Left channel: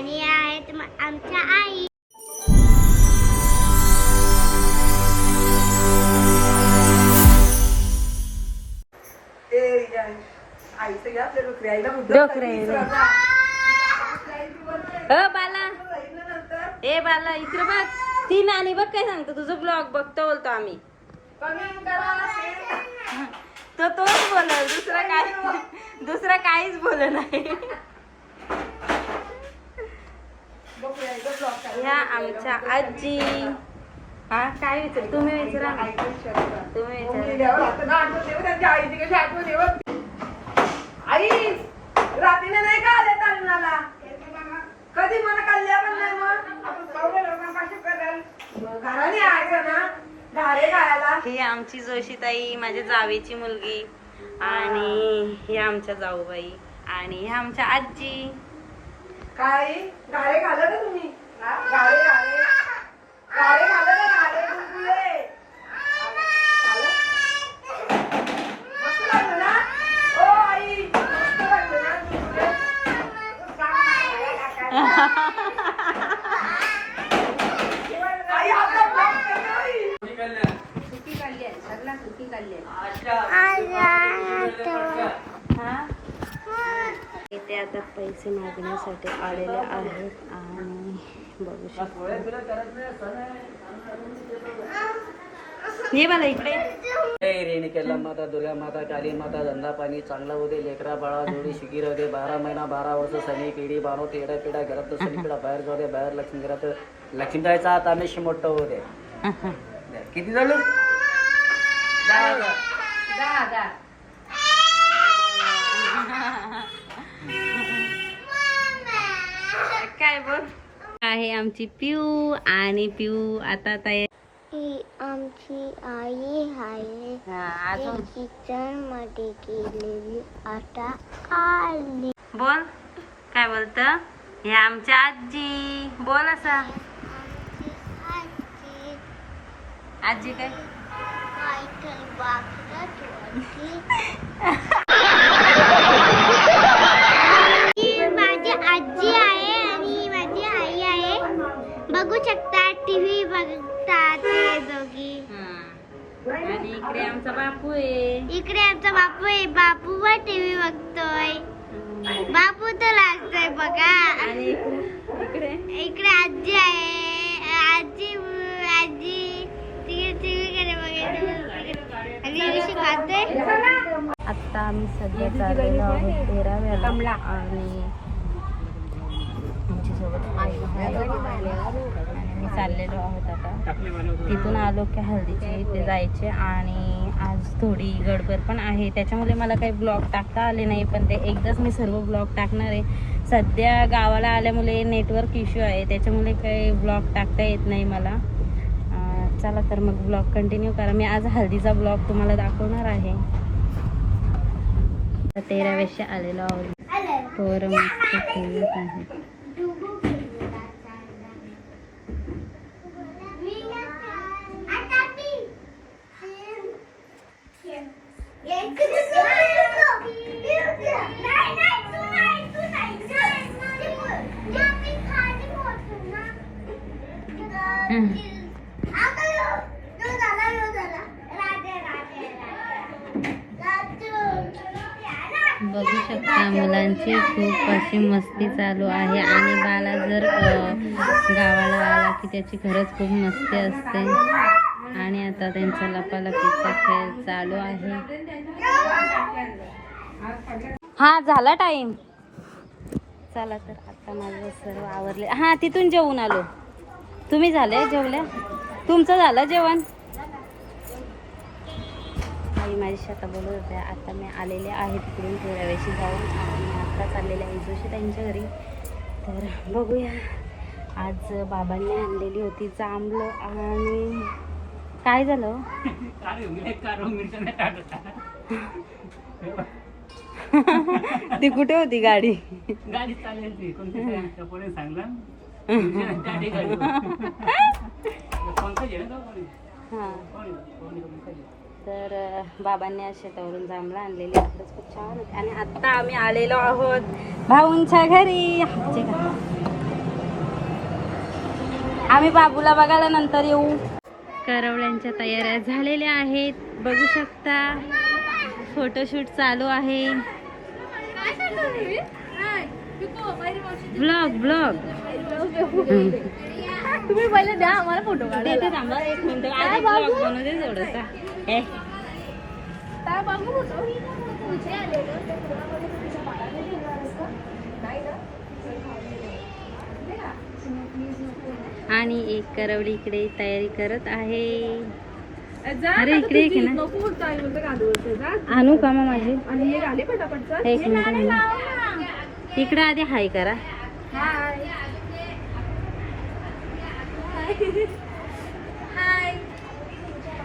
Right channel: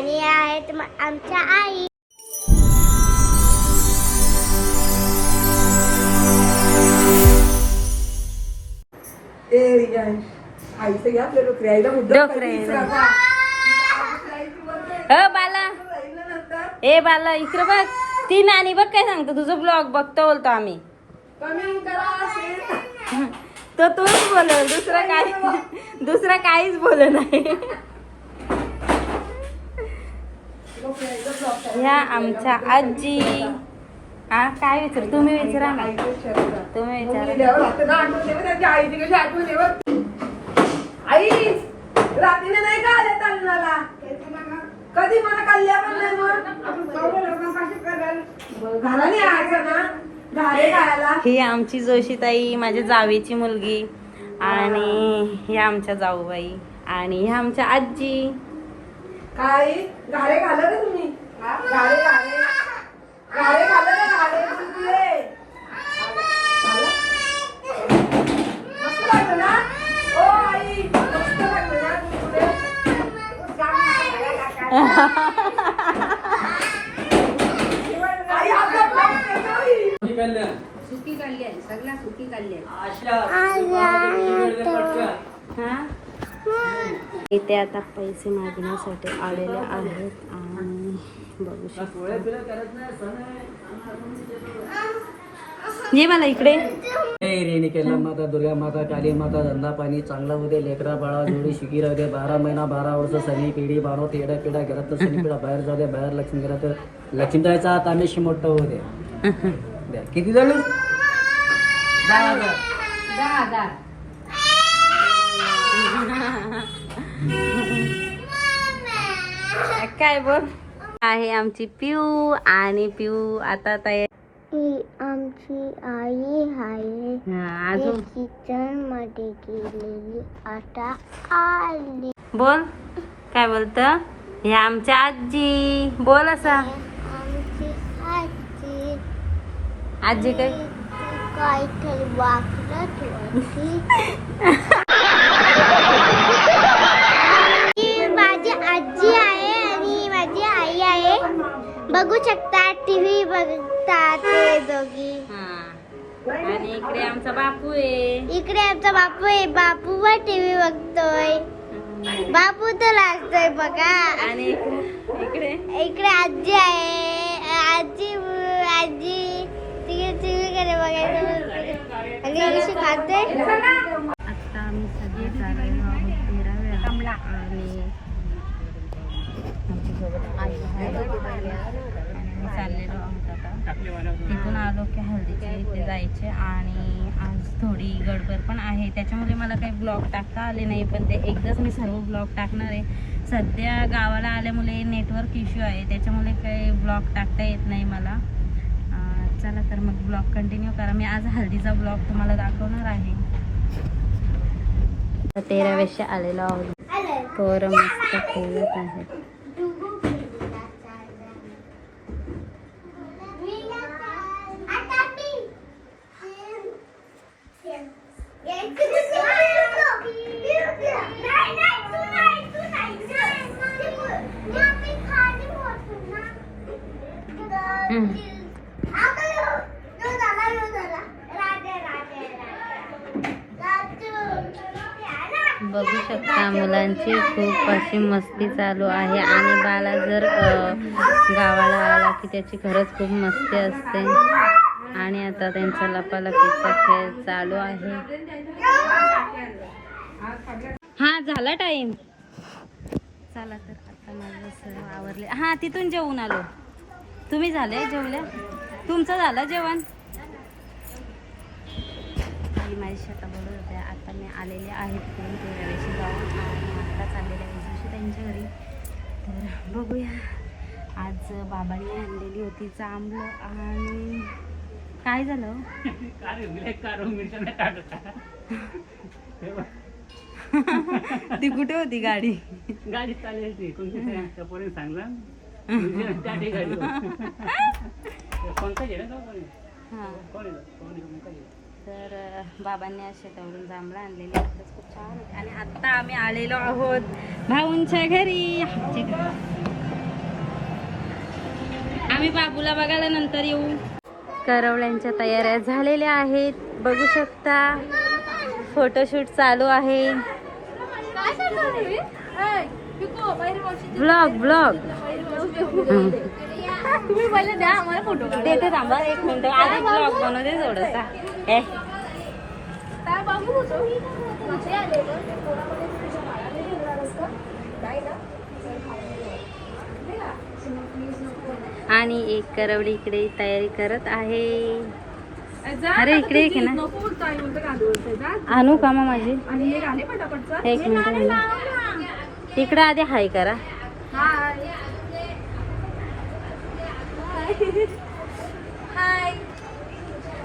आणि आहेत आमच्या आई. आईचं घ्या आपल्या मुद्दा. अ बाला. ए बाला इकडे बघ. ती नानी बघ काय सांगतो. तुझं ब्लॉग बघतो बोलतो आम्ही. तो तोच बोलल. दुसरं काय दुसरं काहीच बोल नाही. ह्या आमच्या आजी. काय विचार? तुम्ही विचारा ना. तुम्ही विचारा. आई नाही का आले तालुनाला कधी मला कल्ल्या पण नाही मग? घराने यायचं ना? घारे खायला. ही आमची जोशीताई माझ्या जावेची मुलगी आणि ही आमच्या जाऊबाई आणि ही आमच्या आजी. काय घारे घालं का तुम्ही. घारे घारे घारे घालं का घारे तुझे मस्त लागलं ना? ओ आई मस्त लागलं ना तुझे आई आपला ब्लॉग करतो आई. इथे आता पैसे मागण्यासाठी आलेले आहेत आणि बघू शकतो. ये मला इकडे. रेणिकेला माता दुर्गा माता काली माता धंदा पाणी चांगलं होते लेकरा बाळा जोडी शिकी राहू दे बारा महिना बारा वर्ष सनी पिढी बानो तेडा पिढा घरात सनी पिढा बाहेर जाऊ दे बाहेर लक्ष्मी घरात लक्ष्मी जायचा आता आम्ही मोठं होऊ दे दे. किती झालं काय बोल? आहे आमची पिऊ आणि पिऊ आता तयार. आमची आई आहे. अजून? किचनमध्ये गेलेली आता आली. बोल काय बोलत? हे आमच्या आजी. बोल असा. आमची आजी. आजी काय? काहीतरी वागत होती. बघू शकता टीव्ही बघतात ते दोघी. हा. आणि इकडे आमचा बापू आहे. इकडे आमचा बापू आहे. बापू वर टीव्ही बघतोय. बापू तर लागतोय बघा. आणि इकडे? इकडे आजी आहे. आजी आजी. तिकडे टीव्ही कडे बघायचं आणि कशी खाते आता आम्ही सध्या चाललेलो आहोत तेराव्याला आणि चाललेलो आहोत आता. तिथून आलो की हल्दीचे इथे जायचे आणि आज थोडी गडबड पण आहे. त्याच्यामुळे मला काही ब्लॉग टाकता आले नाही पण ते एकदाच मी सर्व ब्लॉग टाकणार आहे. सध्या गावाला आल्यामुळे नेटवर्क इश्यू आहे. त्याच्यामुळे काही ब्लॉग टाकता येत नाही मला. चला तर मग ब्लॉग कंटिन्यू करा. मी आज हल्दीचा ब्लॉग तुम्हाला दाखवणार आहे. तेरा वर्ष आलेलो आहोत. पोरं मस्त खेळत आहेत. बघू शकता मुलांची खूप अशी मस्ती चालू आहे आणि बाला जर गावाला आला की त्याची खरंच खूप मस्ती असते. आणि आता त्यांचा लपालपीचा खेळ चालू आहे. हा झाला टाइम चला तर आता माझं सर्व आवरले. हा तिथून जेवून आलो. तुम्ही झाले जेवल्या? तुमचं झालं जेवण? आई माझी शेता बोलत होते आता मी आलेले आहेत तिकडून तेराव्याशी जाऊन. आणि आत्ता चाललेले आहे जोशी त्यांच्या घरी. तर बघूया. आज बाबांनी आणलेली होती जांभळं आणि काय झालं हो? ती कुठे होती गाडी? गाडी चालली कोणत्या सांगला तर बाबांनी आज शेतावरून जांभळं आणलेली खरंच खूप छान होती. आणि आत्ता आम्ही आलेलो आहोत भाऊंच्या घरी. आम्ही बाबूला बघायला नंतर येऊ. करवळ्यांच्या तयाऱ्या झालेल्या आहेत. बघू शकता फोटोशूट चालू आहे? ब्लॉग ब्लॉग तुम्ही पहिले द्या आम्हाला फोटो देते थांबा एक मिनिट आधी ब्लॉग बनवते थोडसा ए आणि एक करवडी इकडे तयारी करत आहे. अरे इकडे एक ना. आणू का माझी. एक मिनिट. इकडे आधी हाय करा.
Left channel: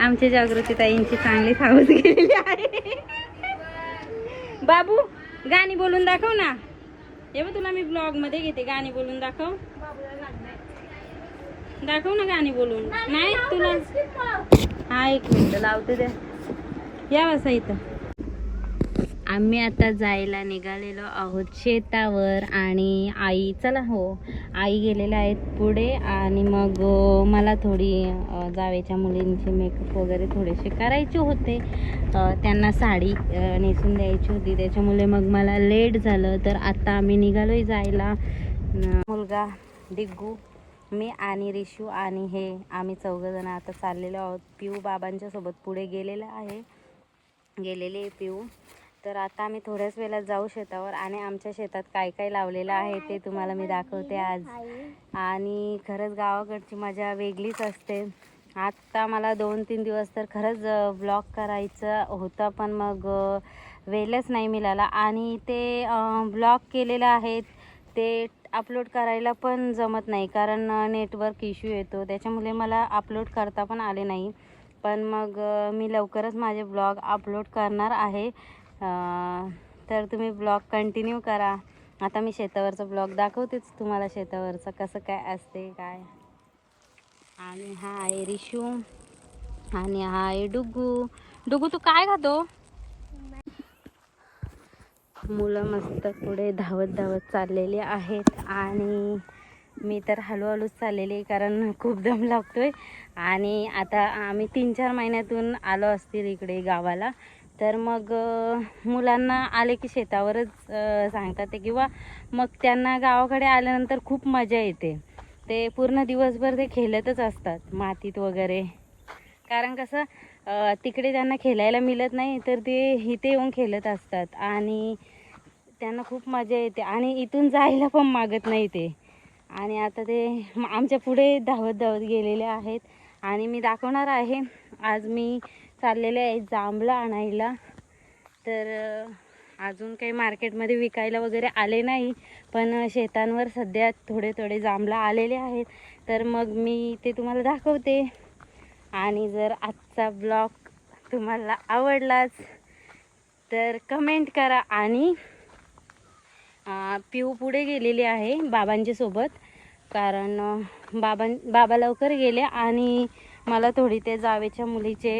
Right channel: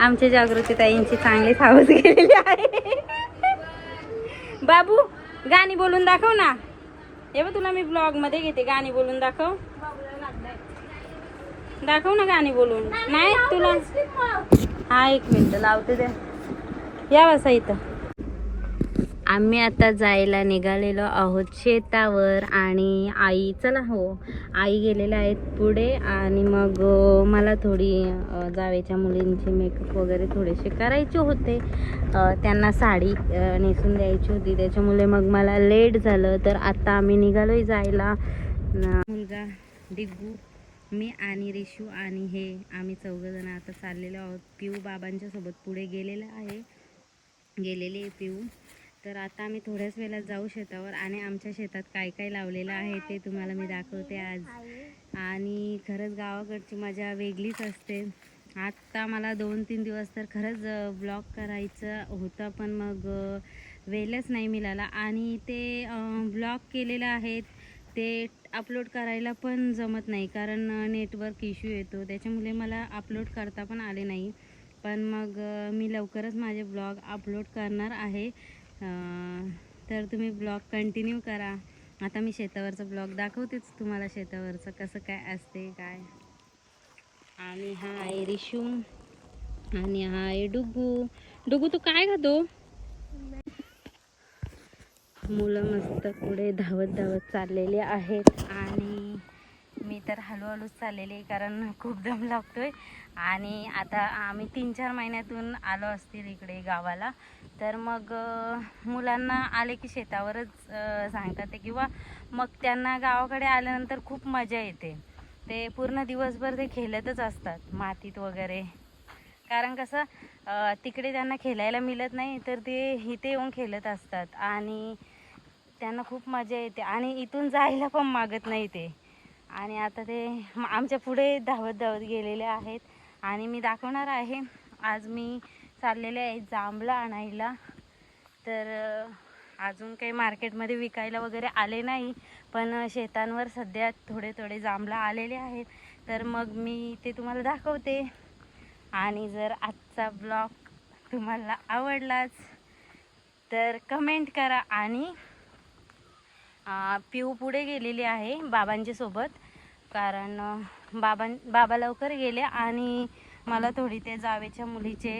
आमच्या जागृती ताईंची चांगली थावत गेलेली आहे. बाबू गाणी बोलून दाखव ना. हे बघ तुला मी ब्लॉगमध्ये घेते गाणी बोलून दाखव. दाखव ना गाणी बोलून. नाही तुला हा एक मिनिट लावतो दे. या बसा इथं. आम्ही आता जायला निघालेलो आहोत शेतावर आणि आई चला हो आई गेलेल्या आहेत पुढे आणि मग मला थोडी जावेच्या मुलींचे मेकअप वगैरे थोडेसे करायचे होते. त्यांना साडी नेसून द्यायची होती. त्याच्यामुळे मग मला लेट झालं तर आत्ता आम्ही निघालोय जायला. मुलगा डिग्गू मी आणि रिशू आणि हे आम्ही चौघजण आता चाललेलो आहोत. पिऊ बाबांच्या सोबत पुढे गेलेलं आहे. गेलेले आहे पिऊ. तर आता आम्ही थोड्याच वेळात जाऊ शेतावर आणि आमच्या शेतात काय काय लावलेलं आहे ते तुम्हाला मी दाखवते आज. आणि खरंच गावाकडची मजा वेगळीच असते. आत्ता मला दोन तीन दिवस तर खरंच ब्लॉग करायचं होतं पण मग वेळच नाही मिळाला. आणि ते ब्लॉग केलेलं आहेत ते अपलोड करायला पण जमत नाही कारण नेटवर्क इश्यू येतो. त्याच्यामुळे मला अपलोड करता पण आले नाही. पण मग मी लवकरच माझे ब्लॉग अपलोड करणार आहे. तर तुम्ही ब्लॉग कंटिन्यू करा. आता मी शेतावरचं ब्लॉग दाखवतेच तुम्हाला शेतावरचं कसं काय असते काय. आणि हा आहे रिशू आणि हा आहे डुगू. डुगू तू काय खातो? मुलं मस्त पुढे धावत धावत चाललेली आहेत आणि मी तर हळूहळूच चाललेली आहे कारण खूप दम लागतोय. आणि आता आम्ही तीन चार महिन्यातून आलो असतील इकडे गावाला. तर मग मुलांना आले की शेतावरच सांगतात ते. किंवा मग त्यांना गावाकडे आल्यानंतर खूप मजा येते. ते पूर्ण दिवसभर ते खेळतच असतात मातीत वगैरे. कारण कसं तिकडे त्यांना खेळायला मिळत नाही तर ते इथे येऊन खेळत असतात. आणि त्यांना खूप मजा येते. आणि इथून जायला पण मागत नाही ते. आणि आता ते आमच्या पुढे धावत धावत गेलेले आहेत. आणि मी दाखवणार आहे. आज मी चाललेले आहे जांभळं आणायला. तर अजून काही मार्केटमध्ये विकायला वगैरे आले नाही पण शेतांवर सध्या थोडे थोडे जांभळं आलेले आहेत. तर मग मी ते तुम्हाला दाखवते. आणि जर आजचा ब्लॉग तुम्हाला आवडलाच तर कमेंट करा आणि पिऊ पुढे गेलेली आहे बाबांच्या सोबत. कारण बाबां बाबा लवकर गेले आणि मला थोडी ते जावेच्या मुलीचे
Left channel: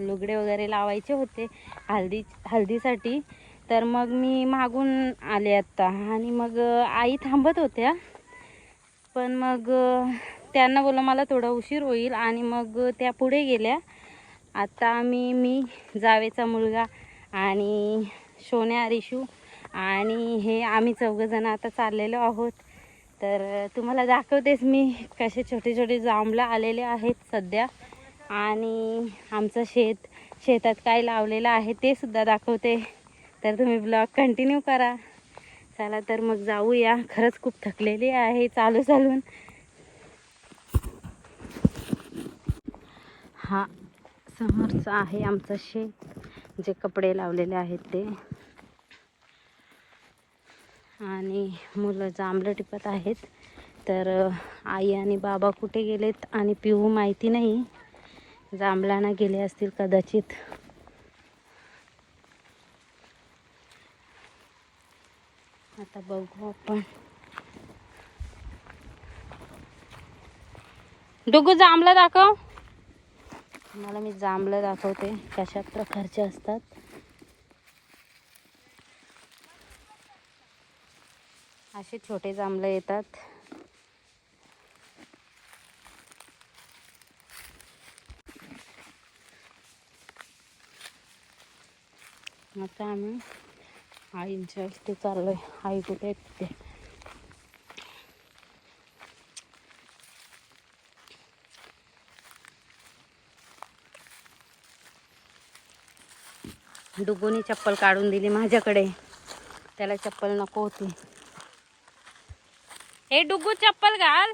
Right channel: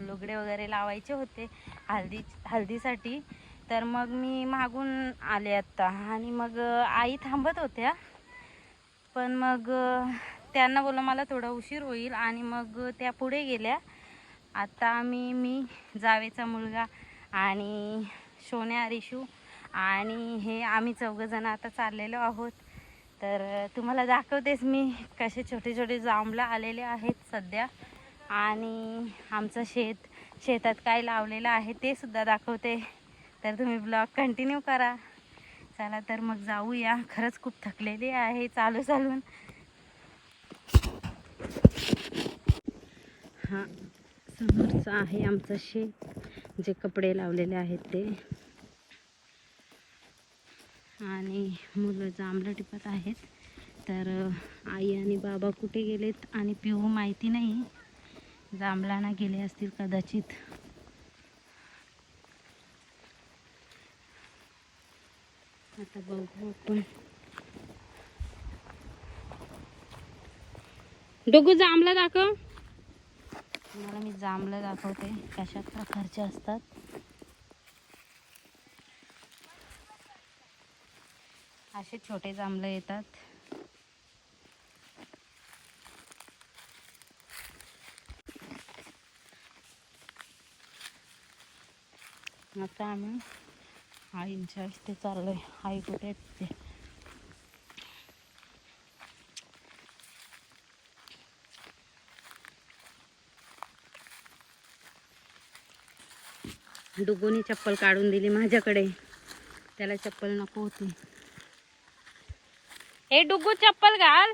लुगडे वगैरे लावायचे होते हल्दी हल्दीसाठी. तर मग मी मागून आले आत्ता आणि मग आई थांबत होत्या. पण मग त्यांना बोललं मला थोडा उशीर होईल आणि मग त्या पुढे गेल्या. आता आम्ही मी जावेचा मुलगा आणि सोन्या रिशू आणि हे आम्ही चौघजणं आता चाललेलो आहोत. तर तुम्हाला दाखवतेच मी कसे छोटे छोटे जांभळं आलेले आहेत सध्या. आणि आमचं शेत शेतात काय लावलेलं आहे ते सुद्धा दाखवते. तर तुम्ही ब्लॉग कंटिन्यू करा. चला तर मग जाऊया. खरंच खूप थकलेली आहे चालू चालून. हा समोरचं आहे आमचं शेत. जे कपडे लावलेले आहेत ते. आणि मुलं जांभळं टिपत आहेत. तर आई आणि बाबा कुठे गेलेत आणि पिऊ माहिती नाही. जांभळांना गेले असतील कदाचित. आता बघू आपण. डुगू जांभळं दाखव. मला मी जांभळं दाखवते. कशा प्रकारचे असतात? असे छोटे जांभळं येतात. आता आम्ही आईंच्या हस्ते चाललो आहे आई कुठे तिथे दुगोनी चप्पल काढून दिली माझ्याकडे. त्याला चप्पल नको होती. हे डुगू चप्पल घाल.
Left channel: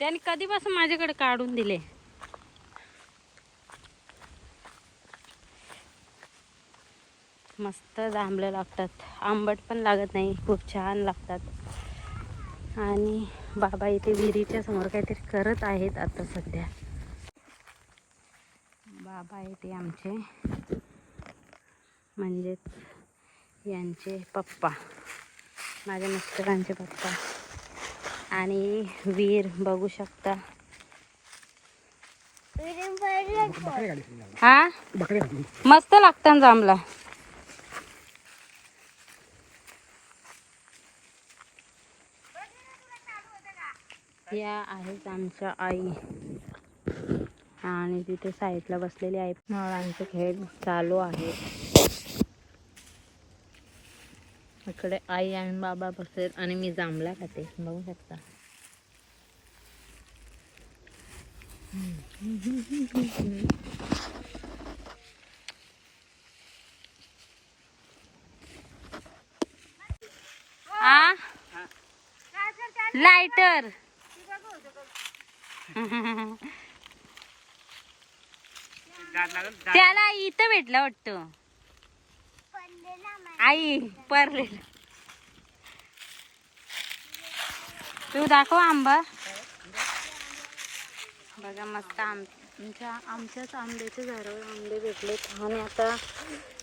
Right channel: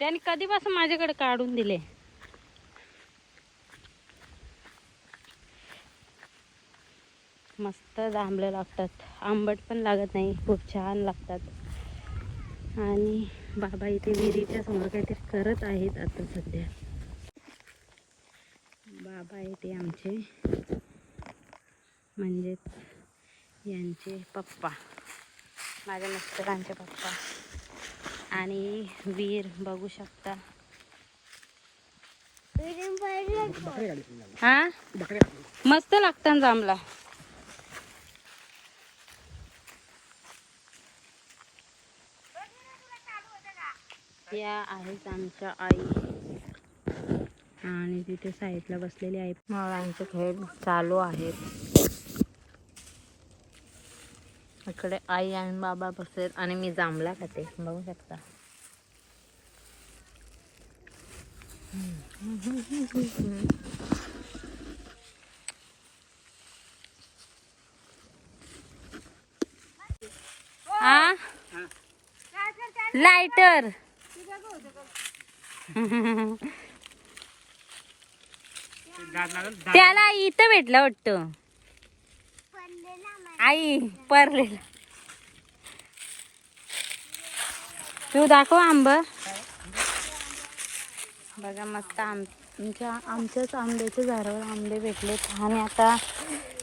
त्याने कधीपासून माझ्याकडे काढून दिले? मस्त जांभळं लागतात. आंबट पण लागत नाही खूप छान लागतात. आणि बाबा इथे विहिरीच्या समोर काहीतरी करत आहेत आता सध्या. बाबा येते आमचे म्हणजेच यांचे पप्पा. माझ्या मिस्टरांचे पप्पा. आणि वीर बघू शकता. हा? मस्त लागतात जांभला या आहेत आमच्या आई. आणि तिथे साईडला बसलेली आहे आमचे खेळ चालू आहे. इकडे आई आणि बाबा बसलेत आणि मी जांभला खाते. बघू शकता. आ? लायटर त्याला इथं भेटलं वाटतं. आई परलेला. तू दाखव आंबा. बघा मस्त आमच्या आमच्याच आंब्याच्या झाडावर आंबे भेटलेत आणि आता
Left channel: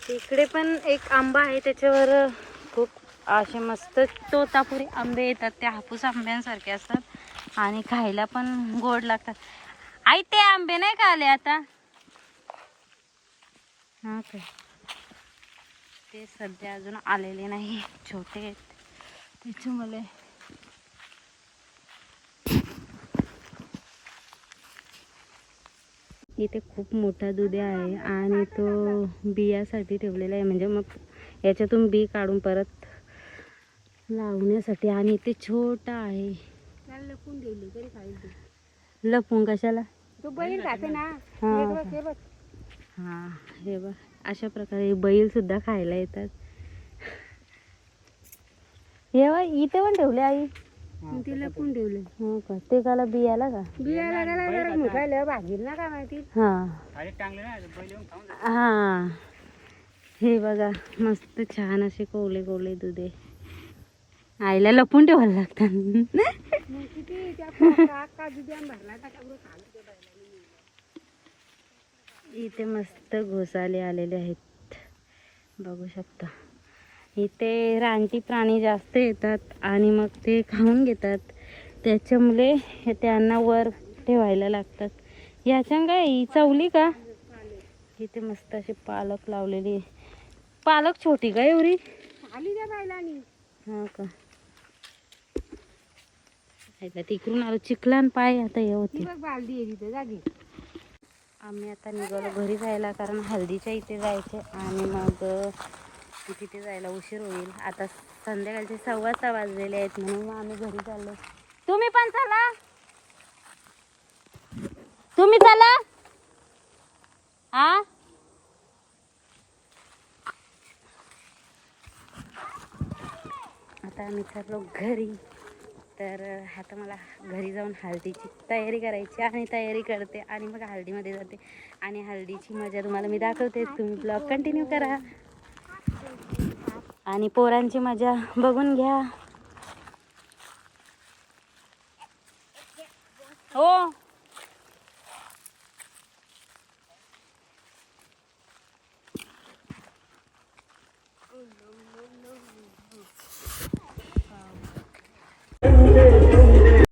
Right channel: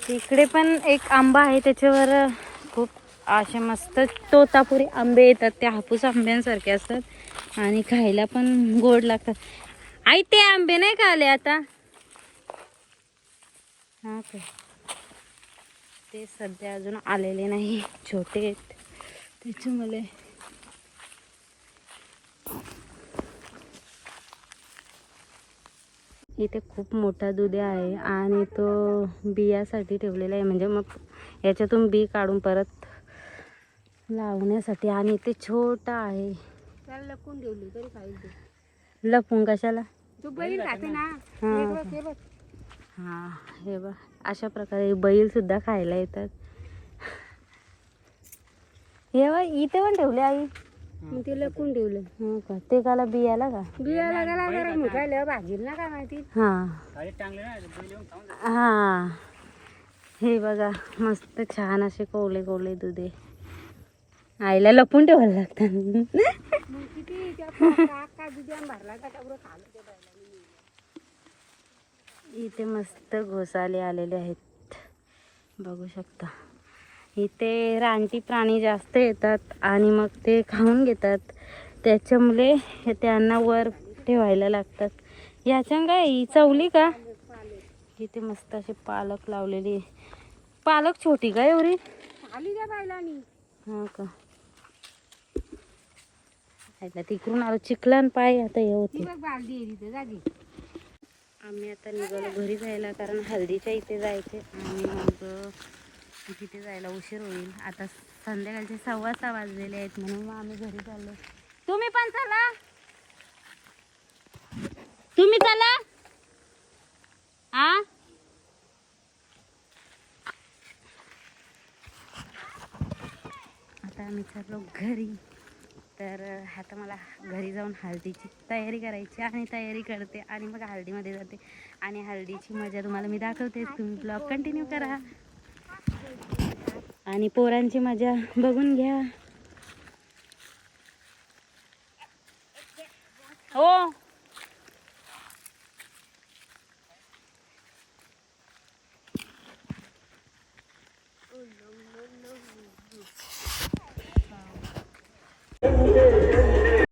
इकडे पण एक आंबा आहे त्याच्यावर खूप असे मस्त तोतापुरी आंबे येतात. ते हापूस आंब्यांसारखे असतात. आणि खायला पण गोड लागतात. आई ते आंबे नाही का आले आता? ओके. ते सध्या अजून आलेले नाही छोटे आहेत. त्याच्यामुळे इथे खूप मोठा दुधी आहे आणि तो बियासाठी ठेवलेला आहे. म्हणजे मग याच्यातून बी काढून परत लावण्यासाठी. आणि ते छोटा आहे. त्याला लपून ठेवली तरी लपून कशाला? तो बैल ना. हं. हा हे बघ. अशा प्रकारे बैल सुद्धा खायला येतात. हे इथे पण ठेवले आई. मग ते लपून ठेवलं? हो का? ते काला बियाला का? बियाला गेला जरा मोठा भाजील ना काय माहिती? हा. हा. हे बघा मस्त छान असे कोवले कोवले दुधे. आईला लपून ठेवायला लागतात. किती का भरला का तेवढं खाल्लं ते बैलाने. इथे मस्त घोसाले आलेले आहेत. बघू शकता. इथे रानटी प्राणी जास्त येतात आणि मग ते खाऊन घेतात. त्याच्यामुळे त्यांना वर ठेवायला लागतात. याच्या काय? ही चवली का? इथे मस्त अशी पालक लावलेली. पालक छोटी का एवढी? हा का? तिकडून आलो. चिखलान पाय आता हे होते ती बालदी आहे तिथे जागी आम्ही आता निघालो घरी जायला कारण हल्दीच्या इथे जायचं आणि मग तिथे जायला उशीर होईल. आता संध्याकाळचे सव्वा सहा वाजलेले आहेत म्हणून मग आम्ही घरी चाललो तुम्ही पण चला. तुम्ही चला. आ? आता आम्ही चाललो घरी. तर आता मला घरी जाऊन हळदीची तयारी करायची आणि तयारी करते आणि मग हळदीमध्ये जाते. आणि हळदीची मजा तुम्हाला मी दाखवते. तुम्ही ब्लॉग कंटिन्यू करा. आणि पोरांची मजा बघून घ्या. हो.